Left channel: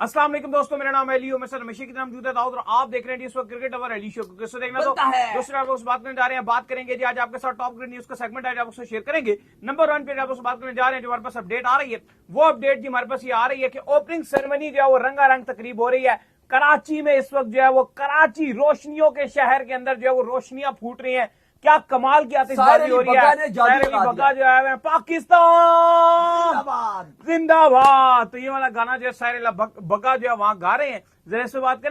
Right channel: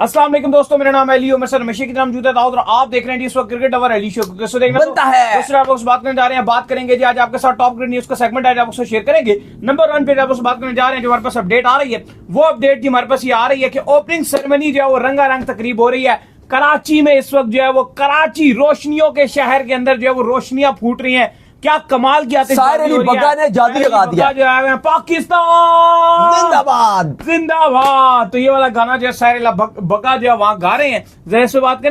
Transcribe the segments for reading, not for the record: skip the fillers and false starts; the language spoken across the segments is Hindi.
अस्सलाम वालेकुम दोस्तों, मेरा नाम है अली उमर सर हमेशा की नाम जूता दाऊद और आप देख रहे हैं इस वक्त क्रिकेट अवर अली शो को देखना है। दूसरा आप बात करने जा रहे हैं, बात करेंगे जी आज आपके साथ टॉप क्रिकेट न्यूज का सेगमेंट है, आप उसको शेयर करेंगे। नंबर 1 पे आप बात करने जा रहे हैं, जो हमारे पास अपडेट आ रही है वो अपडेट जी हमारे पास ये आ रही है कि ओपनिंग सेरेमनी जो है वो रंगारंग तकरीब हो रही है कराची में। इस वक्त जो है वो कराची रोशनियों के शहर के अंदर जो है वो रोशनियां फूट रही हैं। क्या कमाल की साहिर अली बग्गा ने जादू लगा दिया। पाकिस्तान जिंदाबाद जिंदाबाद। तो ये वाला गाना जो है साहिर अली बग्गा जो है वहां गा रहे हैं। जरा इस पे बात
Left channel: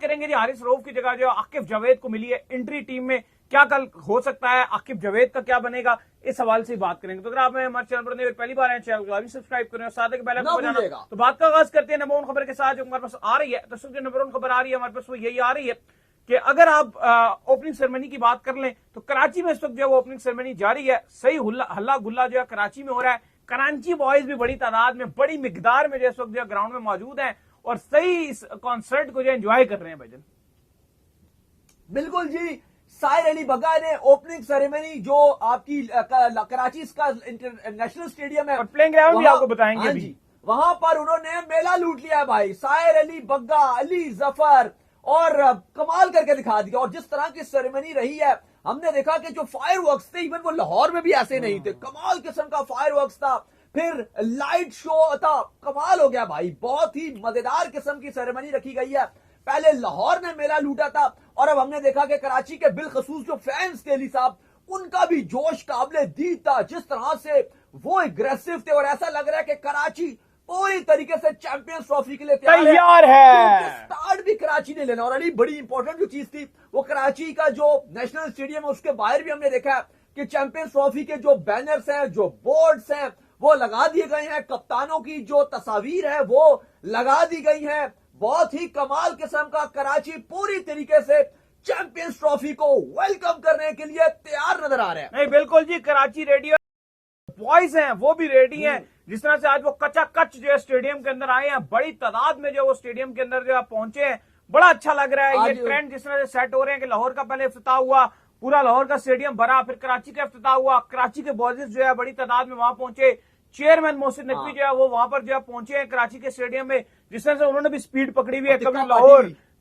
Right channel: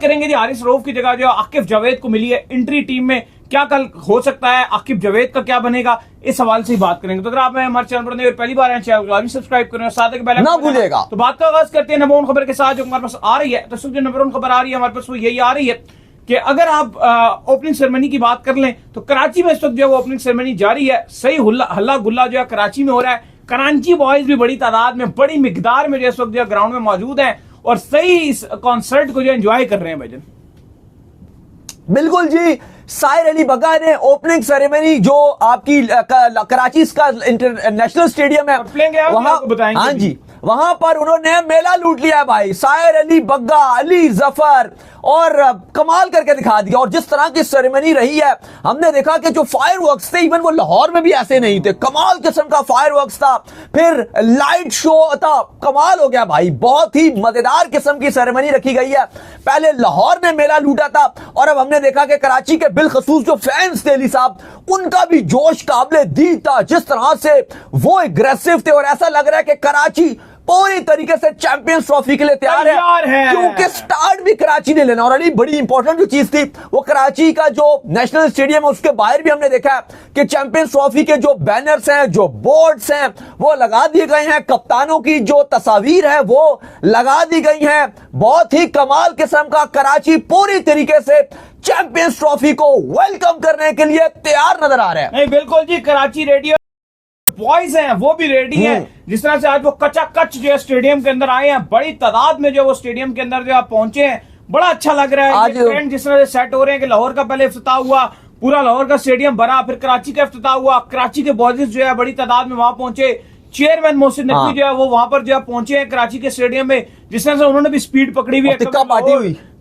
करेंगे जी हारिस रऊफ की जगह जो आकिब जावेद को मिली है एंट्री टीम में। क्या कल हो सकता है, आकिब जावेद का क्या बनेगा, इस सवाल से ही बात करेंगे। तो अगर आप हमारे चैनल पर नए और पहली बार चैनल को भी सब्सक्राइब करें और साथ ही बेल ना भूलिएगा। तो बात का आगाज करते हैं नंबर 1 खबर के साथ जो हमारे पास आ रही है। तो जो नंबर 1 खबर आ रही है हमारे पास वो यही आ रही है कि अगर आप ओपनिंग सेरेमनी की बात कर लें तो कराची में इस वक्त जो है वो ओपनिंग सेरेमनी जारी है। सही हल्ला गुल्ला जो है कराची में हो रहा है। कराची बॉयज भी बड़ी तादाद में, बड़ी मिकदार में जो इस वक्त जो ग्राउंड में मौजूद है और सही इस कॉन्सर्ट को जो एंजॉय कर रहे हैं भाईजान। बिल्कुल जी, साहिर अली बग्गा ने ओपनिंग सेरेमनी जो आपकी कराची का इंटरनेशनल स्टेडियम है वहां बताएंगे। हाँ जी, वहां पर उन्होंने मेला लूट लिया भाई। साहिर अली बग्गा, अली जफर और कमाल करके दिखा दिया। और जिस तरह की सेरेमनी रही है, हमने देखा कि जो फायरवर्क्स थे इवन वो लाहौर में भी ऐसे नहीं थे। कमाल किस्म का फायरवर्क्स था, फिर लाइट शो था, कमाल हो गया भाई। बहुत ही मजेदार किस्म की सेरेमनी रखी गई है। पहले लाहौर ने मेला लूटा था और अब हमने देखा कि कराची के बिलखसूस जो फैंस थे अली साहब, उनका भी जोश काबिले दीद था। जिस तरह से वो एग्रेसिव थे और ऐसा लग रहा है कि कराची पूरी तरीके से चैंपियंस ट्रॉफी के लिए तैयार है, क्योंकि स्टार्ट भी कराची ने लेना। और अली बड़ी इंपॉर्टेंट जो चीज थी वो कराची का जो नेशनल स्टेडियम है उसके बाहर भी हमने देखा कि चैंपियंस ट्रॉफी के जो बैनर्स हैं, जो बोर्ड्स हैं वो लगा दिए गए हैं। कप्तानों की जो तस्वीर है वो लगा दी गई है। बहुत ही कमाल किस्म का कराची पूरी तरीके से चैंपियंस ट्रॉफी को वेलकम करने के लिए तैयार नजर आ रहा है। नहीं बिल्कुल जी, कराची रेडियो बॉयज हैं वो भी रेडी हैं। जिस तरह से आज वो कचा कच जो है स्टेडियम के अंदर आए हैं, बड़ी तादाद में जो वो स्टेडियम के अंदर जो है पहुंचे हैं, बड़ा अच्छा लग रहा है। ये ट्रेंड जिस तरह से सेट हो रहे हैं कि लाहौर का पहले इफ्तिताह हुआ, पूरा लाहौर का स्टेडियम भरा, फिर कराची का इफ्तिताह हुआ, कराची के बॉयज जो है बड़ी तादाद में वहां पहुंचे। चेयरमैन मोहसिन नकवी जो है वो वहां पर जो है पहुंचे हैं कराची के स्टेडियम में। जिस तरह से उन्होंने भी स्पीड पकड़ी हुई है,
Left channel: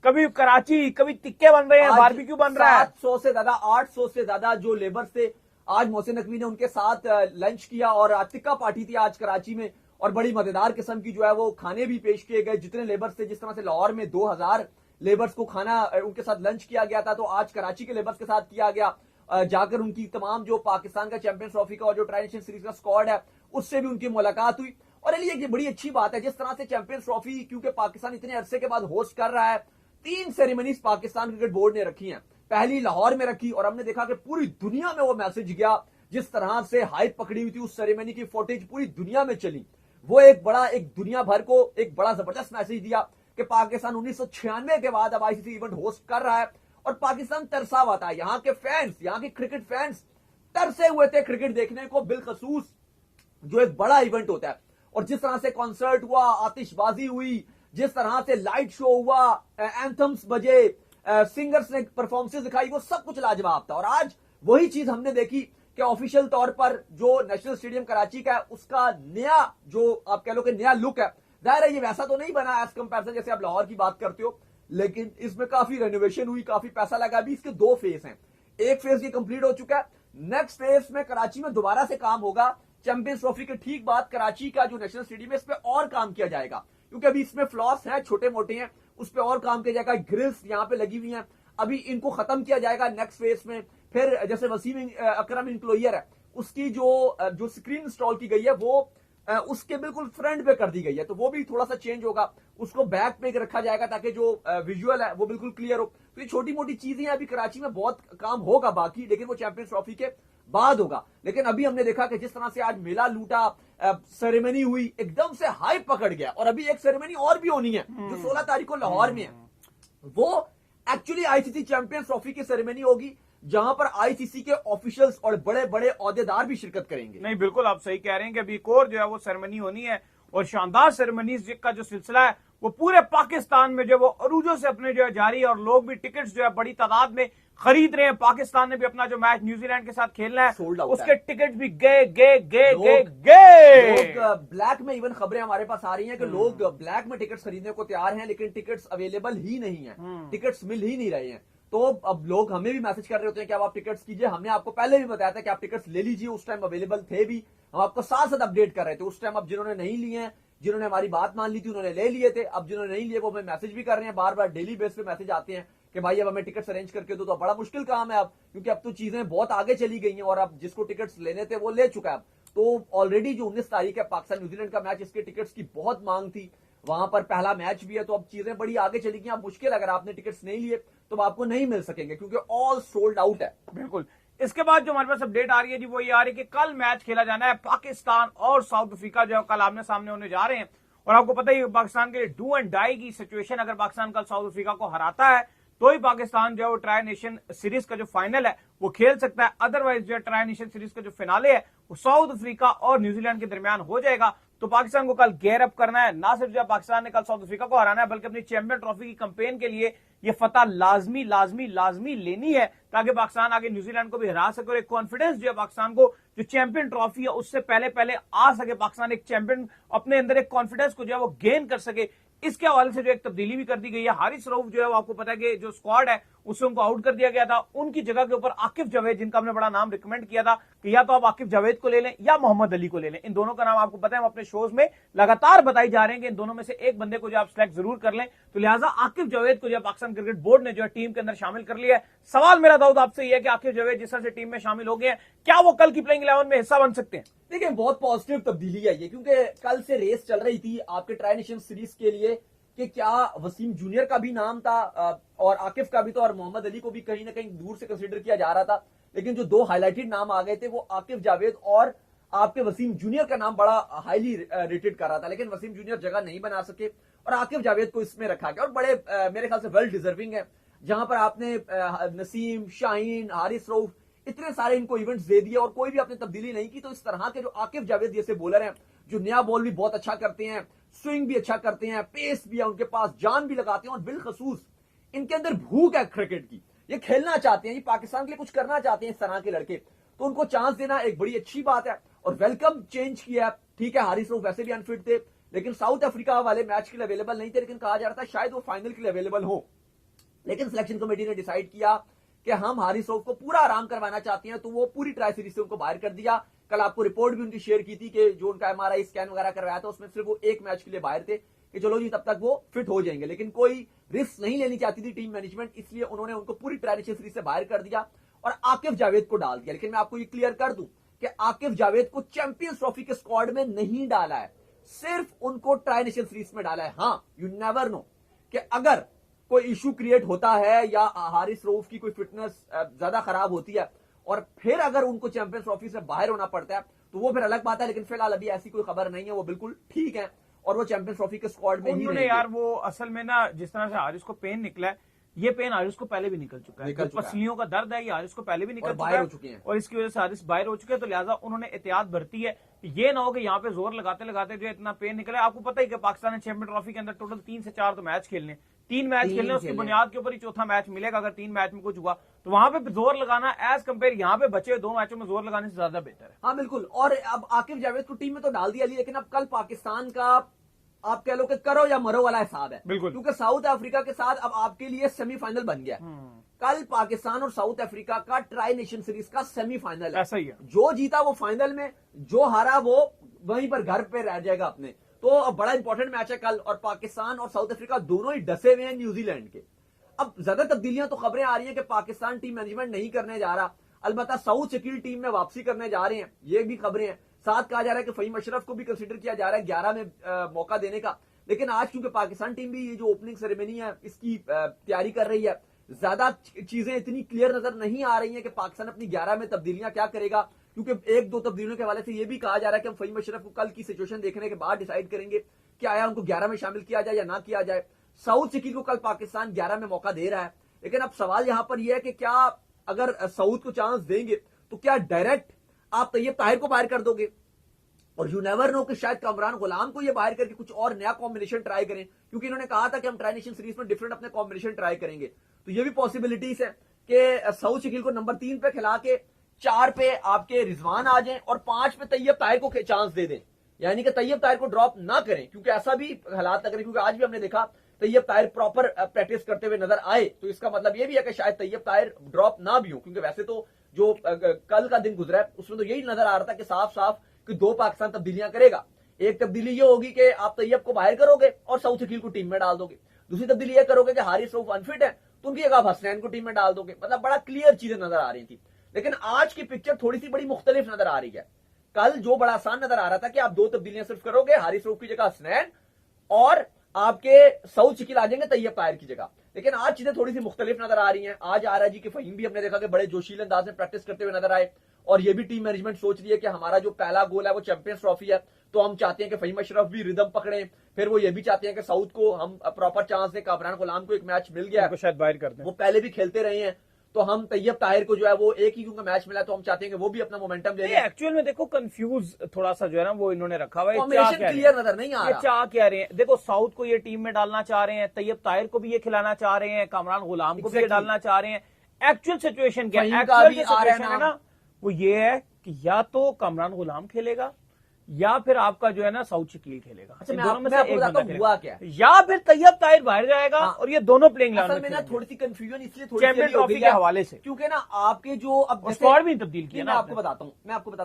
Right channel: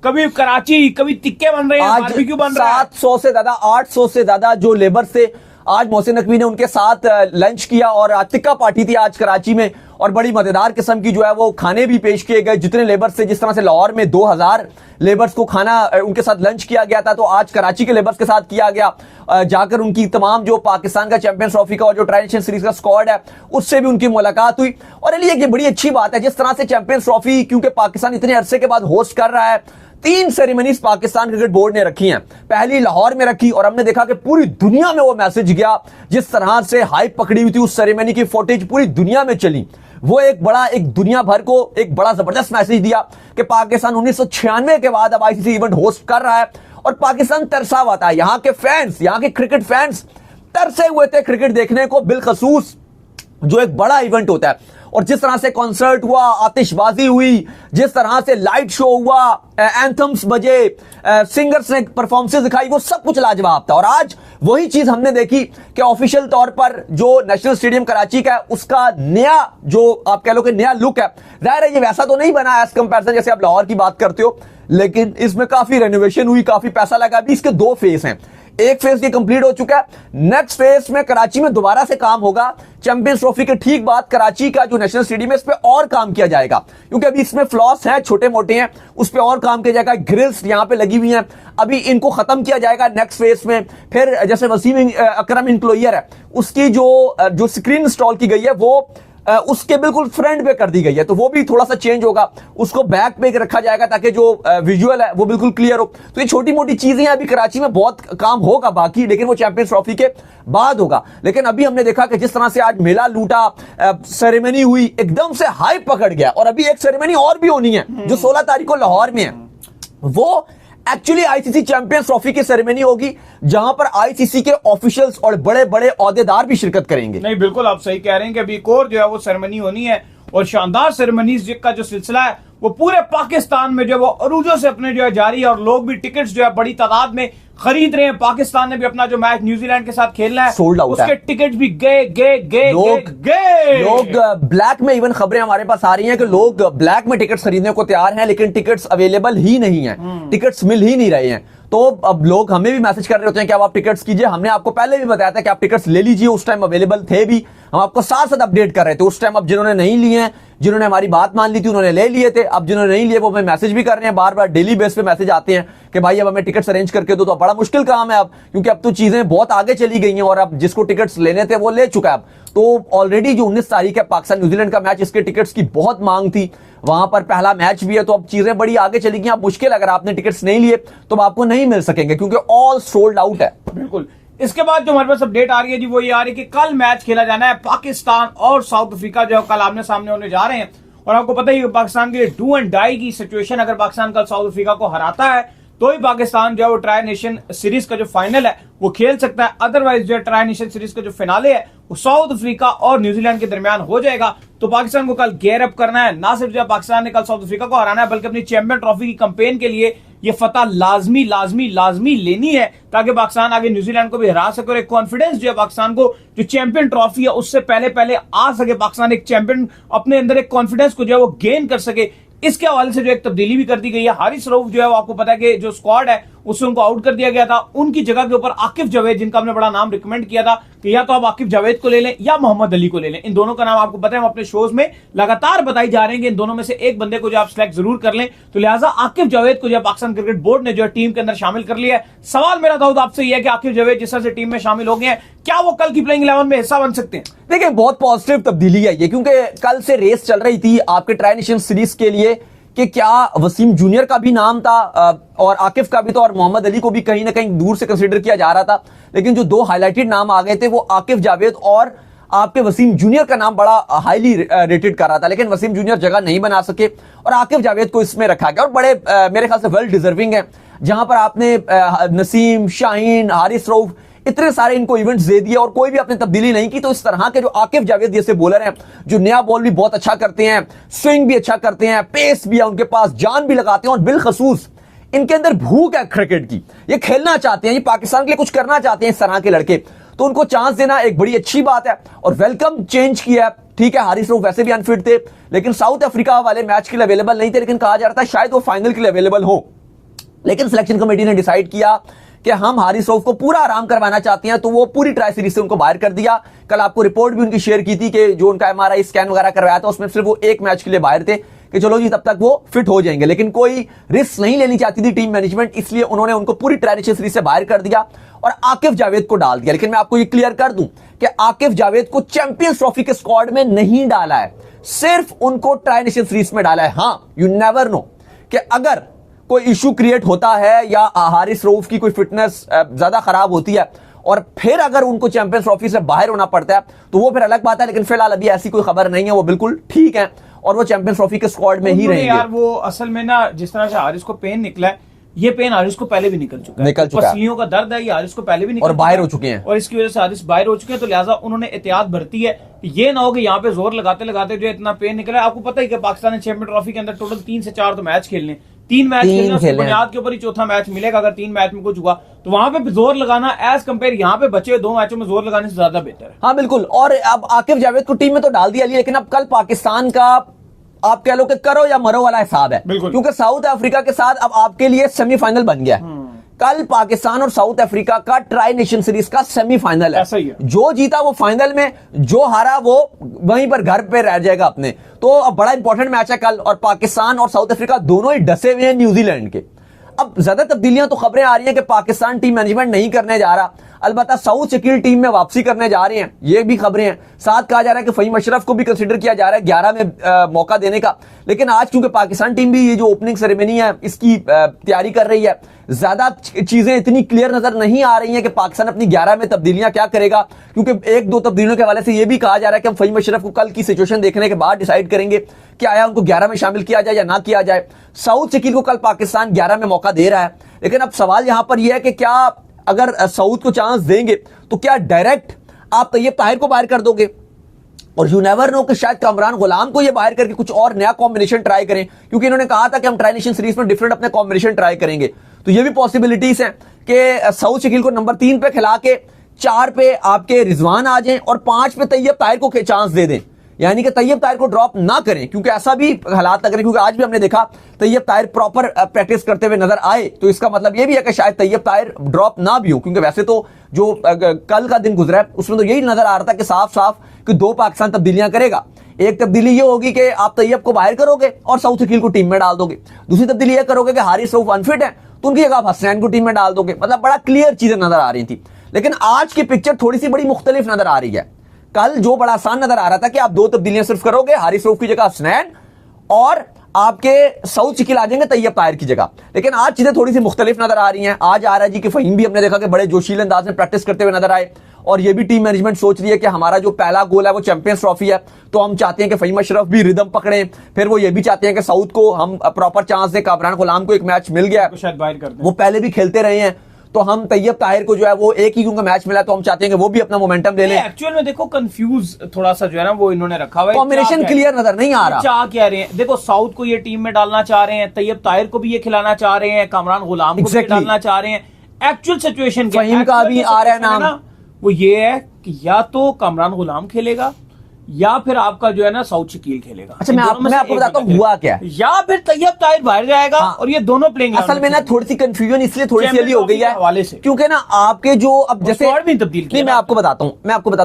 कभी कराची, कभी टिक्के बन रहे हैं, बारबेक्यू बन रहा है। 700 से ज्यादा, 800 से ज्यादा जो लेबर से आज मोहसिन नकवी ने उनके साथ लंच किया और टिक्का पार्टी थी आज कराची में। और बड़ी मजेदार किस्म की जो है वो खाने भी पेश किए गए जितने लेबर से। जिस तरह से लाहौर में 2000 लेबर्स को खाना उनके साथ लंच किया गया था, तो आज कराची के लेबर्स के साथ किया गया। जाकर उनकी तमाम जो पाकिस्तान का चैंपियंस ट्रॉफी का और जो ट्रांजिशन सीरीज का स्क्वाड है उससे भी उनकी मुलाकात हुई। और ये बड़ी अच्छी बात है जिस तरह से चैंपियंस ट्रॉफी, क्योंकि पाकिस्तान इतने अरसे के बाद होस्ट कर रहा है, 3 सेरेमनीज पाकिस्तान क्रिकेट बोर्ड ने रखी हैं। पहली लाहौर में रखी और हमने देखा कि पूरी दुनिया में वो मैसेज गया। जिस तरह से हाइप पकड़ी हुई थी उस सेरेमनी की फुटेज पूरी दुनिया में चली, वो एक दुनिया भर को एक बड़ा जबरदस्त मैसेज दिया कि पाकिस्तान 1996 के बाद अब आईसीसी इवेंट होस्ट कर रहा है और पाकिस्तान तरसा हुआ था। यहाँ के फैंस, यहाँ के क्रिकेट फैंस तरसे हुए थे क्रिकेट देखने को, बिलखसूस जो एक बड़ा इवेंट होता है। और जिस तरह से कॉन्सर्ट हुआ, आतिशबाजी हुई, जिस तरह से लाइट शो हुआ, एंथम्स बजे, सिंगर्स ने परफॉर्मेंसेस दिखाई, वो सब कुछ लाजवाब था। और आज वही चीज हमने देखी कि ऑफिशियल तौर पर जो नेशनल स्टेडियम कराची का है उसका नया जो आप कह लो कि नया लुक है। जाहिर है ये वैसा तो नहीं बना एज कंपैरिजन जैसे आप लाहौर की बात करते हो, लेकिन इसमें काफी रेनोवेशन हुई, काफी पैसा लगा। अभी इसके 2 फेज हैं। एक फेज ये कंप्लीट हो चुका है, नेक्स्ट फेज में कराची में दोबारा से काम होगा। चैंपियंस ट्रॉफी के ठीक बाद कराची का जो नेशनल स्टेडियम है इस पे और काम किया जाएगा, क्योंकि अभी इसमें फ्लॉस हैं, छोटे मोटे हैं, उस पे और काम किया जाएगा। ग्रिल्स यहाँ पे लगी हुई हैं, अभी इनको खत्म किया जाएगा नेक्स्ट फेज में। फिर जैसे वसीम अकरम इंक्लोयर है उसकी जो स्क्रीन इंस्टॉल की गई है वो उसके बिल्कुल फ्रंट पे कर दी गई है, तो वो भी थोड़ा सा चेंज होगा। उसको बैक पे रखा जाएगा ताकि जो विजुअल है वो बिल्कुल क्लियर हो। तो ये छोटी मोटी चीजें अभी कराची में बहुत काम होगा बाकी, लेकिन वो चैंपियंस ट्रॉफी के बाद होगा। लेकिन अभी हमने देखा कि जिस तरह से आज मेला लूटा, सेरेमनी हुई, एकदम से हाइप पकड़ गया। और अभी एक सेरेमनी और भी होनी है जो 16 तारीख को लाहौर में है। वो एक्चुअली आईसीसी चैंपियंस ट्रॉफी की सेरेमनी होगी जहां पर आईसीसी के ऑफिशियल्स और बड़े बड़े ओहदेदार भी शिरकत करेंगे। नहीं बिल्कुल आप सही कह रहे हैं कि अभी एक और जो है वो सेरेमनी होनी है और शानदार सेरेमनीज का जो सिलसिला है वो पूरे पाकिस्तान में जो वो अरूजों से अपने जो है जारी है और लोग भी टिकट्स जो है बड़ी तादाद में खरीद रहे हैं। पाकिस्तान ने भी अपना जो मैच न्यूजीलैंड के साथ खेलना है सोल्ड आउट उसके है। टिकट भी गए। लोग ब्लैक में इवन खबरें हमारे पास आ रही हैं कि लोग ब्लैक में टिकट्स खरीदने को तैयार हैं, लेकिन टिकट्स अवेलेबल ही नहीं है, टिकट्स मिल ही नहीं रहे हैं। तो अब लोग हमें भी मैसेज कर रहे होते हैं कि अब आप टिकट्स कीजिए। हमने आपको पहले भी बताया था कि आप टिकट्स ले लीजिए, उस टाइम अवेलेबल थे भी, हम आपको साथ साथ अपडेट कर रहे थे उस टाइम। अब जिन्होंने नहीं लिए हैं, जिन्होंने हमारी बात मान ली थी, उन्होंने ले लिए थे। अब जिन्होंने नहीं लिए वो हमें मैसेज भी कर रहे हैं, बार बार डेली बेस पे मैसेज आते हैं कि भाई अब हमें टिकट्स अरेंज करके दो। तो बड़ा मुश्किल काम है अब, क्योंकि अब तो चीजें बहुत आगे चली गई हैं और अब जिसको टिकट्स लेने थे वो ले चुका है। अब तो ऑलरेडी जो 19 तारीख है पाकिस्तान न्यूजीलैंड का मैच, इसके टिकट्स की बहुत मांग थी, वहां पर पहला मैच भी है, तो अब चीजें बड़ी आगे चली गई। अब मुश्किल, अगर आपने टिकट्स नहीं लिए तो आपको नहीं मिल सकेंगे क्योंकि ऑल सोल्ड आउट है। बिल्कुल। इसके बाद जो हमारे पास अपडेट आ रही है जी वो ये आ रही है कि कल मैच खेला जाना है पाकिस्तान और साउथ अफ्रीका, जो कल आमने सामने होने जा रहे हैं। और आपको पता ही है पाकिस्तान के डू एंड डाई की सिचुएशन, अगर पाकिस्तान कल साउथ अफ्रीका को हराता है तो ही पाकिस्तान जो है वो ट्राई नेशन सीरीज का जो फाइनल है वो खेल सकता है। अदरवाइज जो ट्राई नेशन सीरीज का जो फिनाले है वो साउथ अफ्रीका और न्यूजीलैंड के दरमियान हो जाएगा। तो पाकिस्तान को कल गेयर अप करना है, ना सिर्फ जो पाकिस्तान ने कल साउथ अफ्रीका को हराना है बल्कि अपनी चैंपियन ट्रॉफी की कैंपेन के लिए ये फतह लाजमी लेनी है, ताकि पाकिस्तान आगे न्यूजीलैंड को भी हरा सके और एक कॉन्फिडेंस जो है पाकिस्तान को जो चैंपियन ट्रॉफी है उससे पहले आ सके। पाकिस्तान एक चैंपियन अपने अंदर एक कॉन्फिडेंस को जो है वो गेन कर सके। इसके हवाले से जो एक तब्दीली भी कर दी गई है। हारिस रऊफ जो है वो आपको पता है कि जो स्क्वाड है उससे उनको आउट कर दिया गया था, उनकी जगह के ऊपर आकिफ जावेद, जिनका हमने बड़ा नाम रिकमेंड किया था कि या तो आप आकिफ जावेद को ले लें या मोहम्मद अली को ले लें। इन दोनों का नाम आपको पता है, हम अपने शोज में लगातार बताई जा रहे हैं कि इन दोनों में से एक बंदे को जो आप सिलेक्ट जरूर कर लें। तो लिहाजा आकिफ जावेद को जो पाकिस्तान क्रिकेट बोर्ड ने जो है टीम के अंदर शामिल कर लिया है। सवाल मेरा दाऊद आपसे यह है कि आकिफ जावेद जिस तरह से टीम में शामिल हो गए हैं, क्या वो कल की प्लेइंग 11 में हिस्सा बन सकते हैं? देखिए, बहुत पॉजिटिव तब्दीली है ये, क्योंकि कल से रेस चल रही थी आपके ट्राई नेशन सीरीज के लिए कि क्या वसीम जूनियर का भी नाम था और आकिफ का भी था और मोहम्मद अली को भी कहीं ना कहीं दूर से कंसीडर किया जा रहा था। लेकिन जो दो हाईलाइटेड नाम आ गए थे वो आकिफ जावेद और आपके वसीम जूनियर का नाम बड़ा हाईली रेटेड कर रहा था, लेकिन वसीम जूनियर जगह नहीं बना सके और आकिफ जावेद को इसमें रखा गया और बड़े मेरे ख्याल से वेल डिजर्विंग है। जहां पर आपने नसीम, शाहीन, हारिस रऊफ इतने सारे इनको इवेंट्स दे दिए और कोई भी आपने तब्दीली नहीं की, तो इस तरह के जो आकिफ जावेद जैसे बॉलर हैं जो नया बॉल भी बहुत अच्छा करते हैं, स्विंग भी अच्छा करते हैं, पेस भी है उनके पास, जान भी लगाते हैं और बिलखसूस इनके अंदर भूख है क्रिकेट की, ये खेलना चाहते हैं, ये पाकिस्तान के लिए कुछ करना चाहते हैं इस तरह के लड़के, तो उनको चांस देना एक बड़ी अच्छी बात है और वेलकम चेंज किया है। ठीक है, हारिस रऊफ वैसे भी अनफिट थे, लेकिन साउथ अफ्रीका वाले मैच के लिए अवेलेबल नहीं थे, लेकिन कहा जा रहा था शायद वो फाइनल के लिए अवेलेबल हो, लेकिन सिलेक्शन कमेटी ने डिसाइड किया कि हम हारिस रऊफ को पूरा आराम करवाना चाहते हैं, तो वो पूरी ट्राई सीरीज से उनको बाहर कर दिया। कल आपको रिपोर्ट भी उनकी शेयर की थी कि जो उनका MRI स्कैन वगैरह करवाया था उसमें सिर्फ वो एक मैच के लिए बाहर थे कि चलो जी तब तक वो फिट हो जाएंगे, लेकिन कोई रिस्क नहीं लेनी चाहती थी टीम मैनेजमेंट, इसलिए उन्होंने उनको पूरी ट्राई नेशन सीरीज से बाहर कर दिया और आकिफ जावेद को डाल दिया। लेकिन मैं आपको ये क्लियर कर दूं कि आकिफ जावेद को चैंपियंस ट्रॉफी के स्क्वाड में नहीं डाला है, सिर्फ उनको ट्राई नेशन सीरीज में डाला है। हां, यू नेवर नो कि अगर कोई इशू क्रिएट होता है या हारिस रऊफ की कोई फिटनेस ज्यादा खराब होती है और फिर अगर उनको चैंपियंस ट्रॉफी से बाहर होना पड़ता है तो वो फिर अलग बात है, लेकिन फिलहाल अभी ऐसी कोई खबर नहीं है, वो बिल्कुल ठीक है और वो चैंपियंस ट्रॉफी के स्क्वाड में ही रहेंगे। यार वो असल में ना जिस तरह से हारिस को पेन निकला है, ये पेन हारिस को पहले भी निकल चुका है, पसलियों का दर्द है, ये हारिस को पहले भी निकल और बाहर हो चुके हैं और इसकी वजह से हारिस बाहर हो चुके हैं। तो लिहाजा उन्होंने एहतियात बरती है, ये ना हो कि यहाँ पे जोर लगाते लगाते जो इतना पेन निकला है। आपको पता है कि पाकिस्तान ने चैंपियन ट्रॉफी के अंदर टोटल 3 से 4 तो मैच खेलने, 3 मैच खेलने, उसकी बुनियाद के ऊपर ही चौथा मैच मिलेगा। अगर 3 मैच में कुछ हुआ तो वहां पे जोर लगाना एज कंपेयर यहाँ पे बचे 2 मैचों में जोर लगाने से ज्यादा बेहतर है। हाँ बिल्कुल, और अब आकिफ जावेद को टीम में तो डाल दिया, लेकिन अब कल पाकिस्तान का आप कह लो कि करो या मरो वाला हिसाब है, क्योंकि साउथ अफ्रीका के साथ अब आपके लिए सेमीफाइनल बन गया है। कल पाकिस्तान और साउथ अफ्रीका का ट्राई नेशन सीरीज का सेमीफाइनल है, ऐसा ही है। जो जीता वो फाइनल में, जो हारा वो वहीं पर घर पे रह जाएगा अपने। तो अब बड़ा इंपॉर्टेंट मैच है कल और पाकिस्तान और साउथ अफ्रीका दोनों ही डसे हुए हैं न्यूजीलैंड के। अब ज्यादा तब्दीलियां तो खबरें आ रही हैं कि पाकिस्तान टीम मैनेजमेंट नहीं करने जा रहा, अलबत्ता सऊद शकील टीम में वापसी करने जा रहे हैं, ये भी खबरें हैं। साथ कहा जा रहा है कि फहीम अशरफ को भी कंसीडर किया जा रहा है 11 में मौका देने का। लेकिन आज क्योंकि पाकिस्तान टीम भी ये जो ओपनिंग सेरेमनी है इसकी तैयारी कर रही है, ज्यादा चीजें इतनी क्लियर नजर नहीं आ रही हैं कि पाकिस्तान अपनी 11 में तब्दीलियां क्या करेगा, क्योंकि 1-2 तब्दीलियों के हवाले से यह भी कहा जा रहा है कि हम फहीम अशरफ को कल की सिचुएशन देखने के बाद डिसाइड करेंगे कि आया उनको 11 में शामिल किया जाए या ना किया जाए। सऊद शकील को कल पाकिस्तान 11 में मौका दे रहा है, लेकिन अब सवाल यहां पर यह है कि क्या अगर सऊद को चांस देंगे तो क्या डायरेक्ट आप तैयब ताहिर को बाहर कर दोगे? और यू नेवर नो कि शायद कामरान गुलाम को ये बाहर करके कुछ और नया कॉम्बिनेशन ट्राई करें, क्योंकि इन्होंने कहा था कि हम ट्राई नेशन सीरीज में डिफरेंट अपने कॉम्बिनेशन ट्राई करेंगे। तो ये भी पॉसिबिलिटीज हैं कि सऊद शकील को नंबर 3 पे खिला के 4 पे आपके रिजवान आ जाएं और 5 पे तैयब ताहिर को चांस दे दें, यानी कि तैयब ताहिर को ड्रॉप ना करें, क्योंकि ऐसा भी हालात लग रहे हैं, क्योंकि आज भी हमने देखा तैयब ताहिर प्रॉपर प्रैक्टिस करते हुए नजर आए। तो इसका मतलब ये भी है कि शायद तैयब ताहिर ड्रॉप ना भी हो, क्योंकि वैसे तो जो कल का दिन गुजरा है उसमें तो यही नजर आ रहा था कि साफ साफ कि 2 पाकिस्तान तब्दीलियां करेगा। एक तब्दीली ये होगी कि आप तैयब को बाहर करोगे और सऊद शकील को टीम में डाल दोगे। दूसरी तब्दीली ये करोगे कि हारिस रऊफ अनफिट है तो उनकी जगह आप हसनैन को टीम में डाल दोगे। मतलब बड़ा क्लियर चीजें नजर आ रही थी। लेकिन आज की पिक्चर थोड़ी सी बड़ी मुख्तलिफ नजर आ रही है। कल जो बड़ा आसान नजर आ रहा था कि आप 2 तब्दीलियां सिर्फ करोगे, हारिस रऊफ की जगह हसनैन और आपके सऊद शकील आ जाएंगे तैयब ताहिर की जगह। लेकिन आज चीजें थोड़ी सी मुख्तलिफ नजर आ रही हैं। आज आ रहा है जी कि फहीम भी हमने देखा कि बड़े जोशीले अंदाज में प्रैक्टिस करते हुए नजर आए, और ये भी टीम मैनेजमेंट सोच रही है कि हमारा जो पहला गोल है वो चैंपियंस ट्रॉफी है, तो हम चाहते हैं कि फहीम अशरफ भी रिदम पकड़े। फिर वो ये भी चाहते हैं कि सऊद को हम प्रॉपर चांस दें। कामरान गुलाम को एक मैच मिल गया, शायद बाहर कर दें, वो पहले भी खेलते रहे हैं, तो हम तैयब ताहिर को जो है वो एक ही क्योंकि मैच मिला तो हम चाहते हैं कि वो भी अपना मोमेंटम ले लें। एक्चुअल में देखो कंफ्यूज थोड़ा सा जो है ना वो इन्होंने रखा हुआ है, कॉम्बिनेशन क्लियर नजर नहीं आ रहा। चाह क्या रहे हैं, देखो साउथ को ये टीम में डालना चाह रहे हैं, तैयब ताहिर को भी ये खिलाना चाह रहे हैं, कामरान गुलाम को भी डालना चाह रहे हैं। एक्चुअल सिचुएशन क्या फहीम का भी आ रहा है नाम, वो ये है कि या तो कामरान गुलाम खेलेगा या फिर आपका जो है ना सऊद शकील खेलेगा। अच्छा मैं आपको बताता हूँ हुआ क्या है, या फिर तैयब ताहिर बाहर जाएगा। हाँ, और ये दोनों प्लेइंग असल में ना थोड़ी सी कंफ्यूजन इसलिए थोड़ी सी हो गई है हवाले से, क्योंकि ना आपके जो अब जैसे तब्दील मैं आपको बताता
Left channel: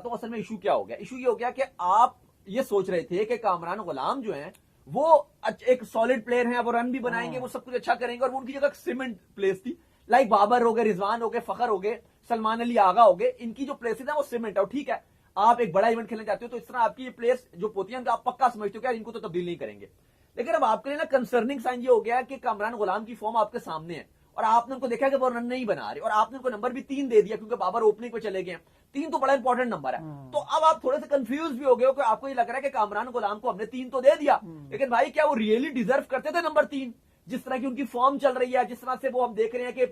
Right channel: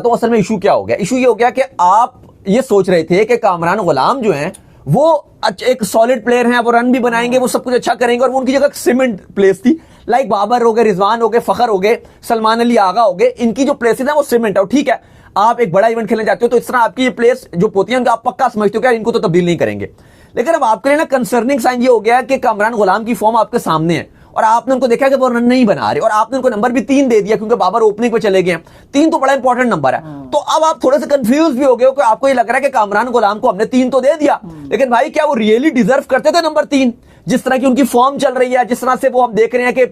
हूँ असल में इशू क्या हो गया। इशू ये हो गया कि आप ये सोच रहे थे कि कामरान गुलाम जो है वो एक सॉलिड प्लेयर हैं, वो रन भी बनाएंगे, वो सब कुछ अच्छा करेंगे, और वो उनकी जगह सीमेंट प्लेस थी। लाइक बाबर हो गए, रिजवान हो गए, फखर हो गए, सलमान अली आगा हो गए, इनकी जो प्लेसेस है वो सीमेंट है। ठीक है, आप एक बड़ा इवेंट खेलने जाते हो तो इस तरह आपकी ये प्लेयर्स जो पोती हैं आप पक्का समझते हो कि इनको तो तब्दील नहीं करेंगे। लेकिन अब आपके लिए ना कंसर्निंग साइन ये हो गया कि कामरान गुलाम की फॉर्म आपके सामने है और आपने उनको देखा कि वो रन नहीं बना रहे, और आपने उनको नंबर भी 3 दे दिया क्योंकि बाबर ओपनिंग पे चले गए। 3 तो बड़ा इंपॉर्टेंट नंबर है। तो अब आप थोड़े से कंफ्यूज भी हो गए हो कि आपको ये लग रहा है कि कामरान गुलाम को हमने 3 तो दे दिया, लेकिन भाई क्या वो रियली डिजर्व करते थे नंबर 3? जिस तरह की उनकी फॉर्म चल रही है, जिस तरह से वो हम देख रहे हैं कि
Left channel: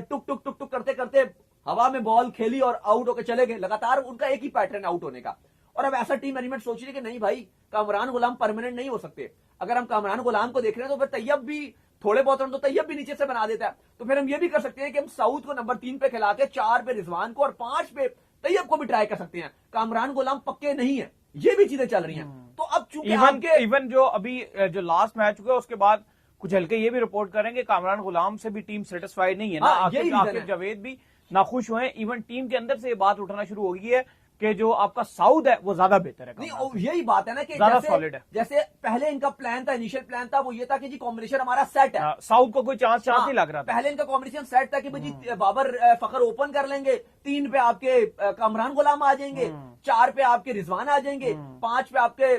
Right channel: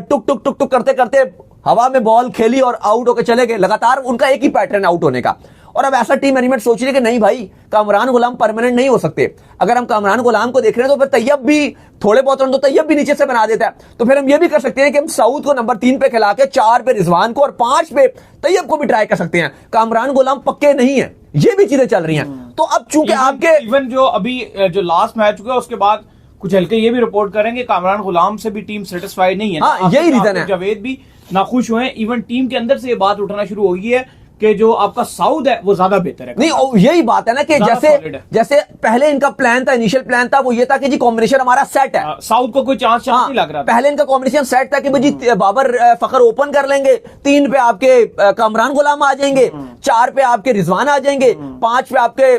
टुक टुक टुक टुक करते करते हवा में बॉल खेली और आउट होकर चले गए। लगातार उनका एक ही पैटर्न आउट होने का। और अब ऐसा टीम मैनेजमेंट सोच रही है कि नहीं भाई, कामरान गुलाम परमानेंट नहीं हो सकते। अगर हम कामरान गुलाम को देख रहे हैं तो फिर तैयब भी थोड़े बहुत रन तो तैयब भी नीचे से बना देता है। तो फिर हम ये भी कर सकते हैं कि हम सऊद को नंबर 3 पे खिला के 4 पे रिजवान को और 5 पे तैयब को भी ट्राई कर सकते हैं। कामरान गुलाम पक्के नहीं है, ये भी चीजें चल रही हैं। तो अब चूंकि आपके इवन जो अभी जो लास्ट मैच हुआ उसके बाद कुछ हल्के ये भी रिपोर्ट करेंगे कामरान गुलाम से भी टीम सेटिस्फाइड नहीं है। हाँ, यही रीजन है। जावेद भी नाखुश हुए। इवन टीम के अंदर से ये बात उठना शुरू हो गई है कि जो आपका साउथ है वो ज्यादा बेहतर है। नहीं, यही बात है ना कि जैसे पहले इनका प्लान था, इनिशियल प्लान था वो ये था कि जी कॉम्बिनेशन हमारा सेट है, साउथ को कोई चांस नहीं लग रहा था। पहले इनका कॉम्बिनेशन सेट था कि भाई जी बाबर फखर ओपन कर लेंगे, 3 पे आपके कामरान गुलाम आ जाएंगे, 4 पे आपके रिजवान आ जाएंगे, 5 पे आपके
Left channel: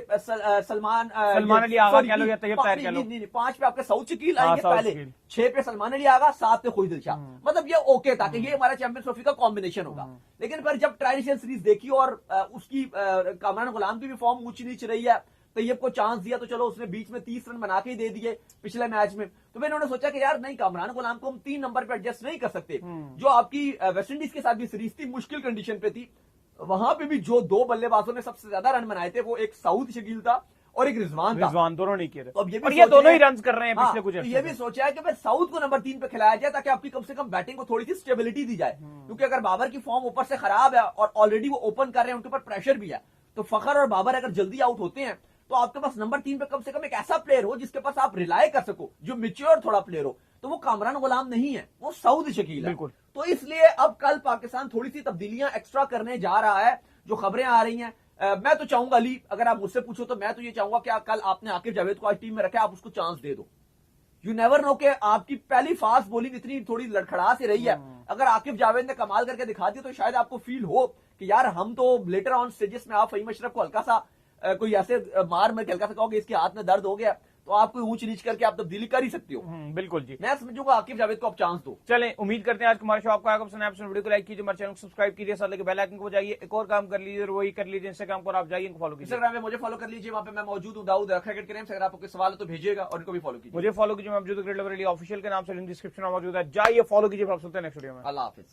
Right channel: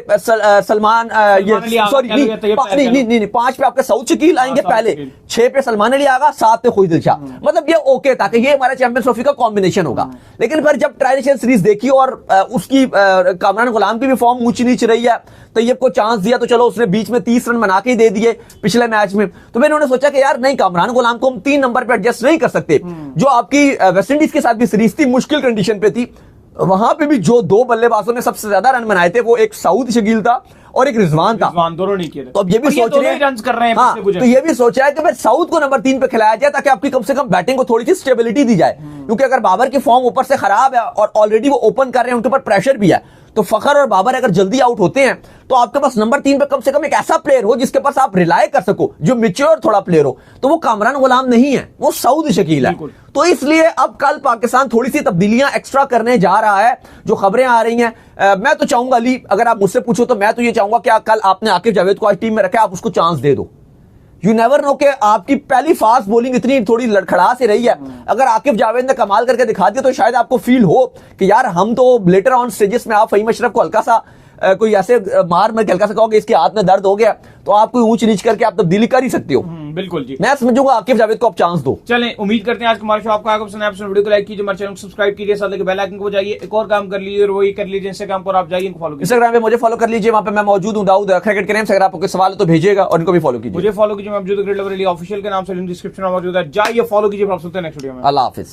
सलमान नहीं 5 पे आपके सऊद शकील आएंगे पहले, 6 पे सलमान अली आगा, 7 पे खुद दिलशाह। मतलब ये ओके था कि ये हमारा चैंपियंस ट्रॉफी का कॉम्बिनेशन होगा। लेकिन फिर जब ट्राई नेशन सीरीज देखी और उसकी कामरान गुलाम की भी फॉर्म ऊंची नीच रही है, तैयब को चांस दिया तो चलो उसने बीच में 30 रन बना के ही दे दिए पिछले मैच में। तो फिर उन्होंने सोचा कि यार नहीं, कामरान गुलाम को हम 3 नंबर पे एडजस्ट नहीं कर सकते। जो आपकी वेस्टइंडीज के साथ भी सीरीज थी, मुश्किल कंडीशन पे थी, वहां पे भी जो 2 बल्लेबाजों ने सबसे ज्यादा रन बनाए थे वो एक सऊद शकील था और एक रिजवान था। दोनों नहीं किए। तो अब ये भी सोच रहे हैं रन कर रहे हैं। हाँ, तो ये भी सोचा है कि भाई साउथ को नंबर 3 पे खिलाया जाए ताकि आपकी कम से कम बैटिंग को थोड़ी सी स्टेबिलिटी दी जाए। क्योंकि अगर बाबर की फॉर्म ऊपर से खराब है और ऑलरेडी वो ओपन कर रहे हैं, उनके ऊपर प्रेशर भी है, तो फखर और बाबर अगर जल्दी आउट होते हैं तो आपके पास नंबर 3 पे कम से कम एक ऐसा प्लेयर हो जिसके पास आप रिलाय कर सको, जो मैच्योर थोड़ा प्लेयर हो। तो वो कामरान गुलाम नहीं है, वो सऊद शकील है। तो इसलिए अब कल पाकिस्तान थोड़ी सी तब्दीलियां एक्स्ट्रा करने जा रहा है, जो खबरें आ रही हैं। मैं तो चाहूंगा अली, अगर आप मुझसे पूछो तो मैं तो ये चाहूंगा कि कल आपने आकिब जावेद को आज टीम में रखा, आप उसको चांस दे दो। यू नेवर नो कि आपकी पहली फास्ट बॉलिंग इतनी थोड़ी लड़खड़ा से रही है, अगर आकिब जावेद ने कमाल करके दिखा दिया तो शायद आपको फील हो कि यार हम तो लेटर ऑन स्टेजेस में आप फहीम अशरफ को हल्का सा कोई ऐसे मार में हल्का सा कहोगे इसके हाथ में दर्द हो गया, तो आप कोई ऊंच नीच करके आप तब्दीली कर ही सकते हो। बिल्कुल जी, मैं समझूंगा आकिब जावेद को आप चांस दो। चलें, उम्मीद करते हैं आज हमारा शो आपको आएगा पसंद आया। वीडियो को लाइक कीजिए, हमारे चैनल को सब्सक्राइब कीजिए, साथ ही बेल आइकन को जाइए, एक और काम कर लीजिए और वही कर लीजिए इंस्टाग्राम पर आप जाइए, फॉलो कीजिए। इंस्टाग्राम पे मुझे फॉलो कर लीजिए, वहां पे मैं मौजूद हूं, दाऊद क्रिकेट के नाम से। अगर आपको कोई सवाल है तो भेजिएगा और इनको भी फॉलो कीजिए। मुझे फॉलो कीजिए, मैं ऑफिशियल के नाम से डिस्क्रिप्शन में मौजूद है, जाइए फॉलो कीजिए। नेक्स्ट वीडियो में अल्लाह हाफिज।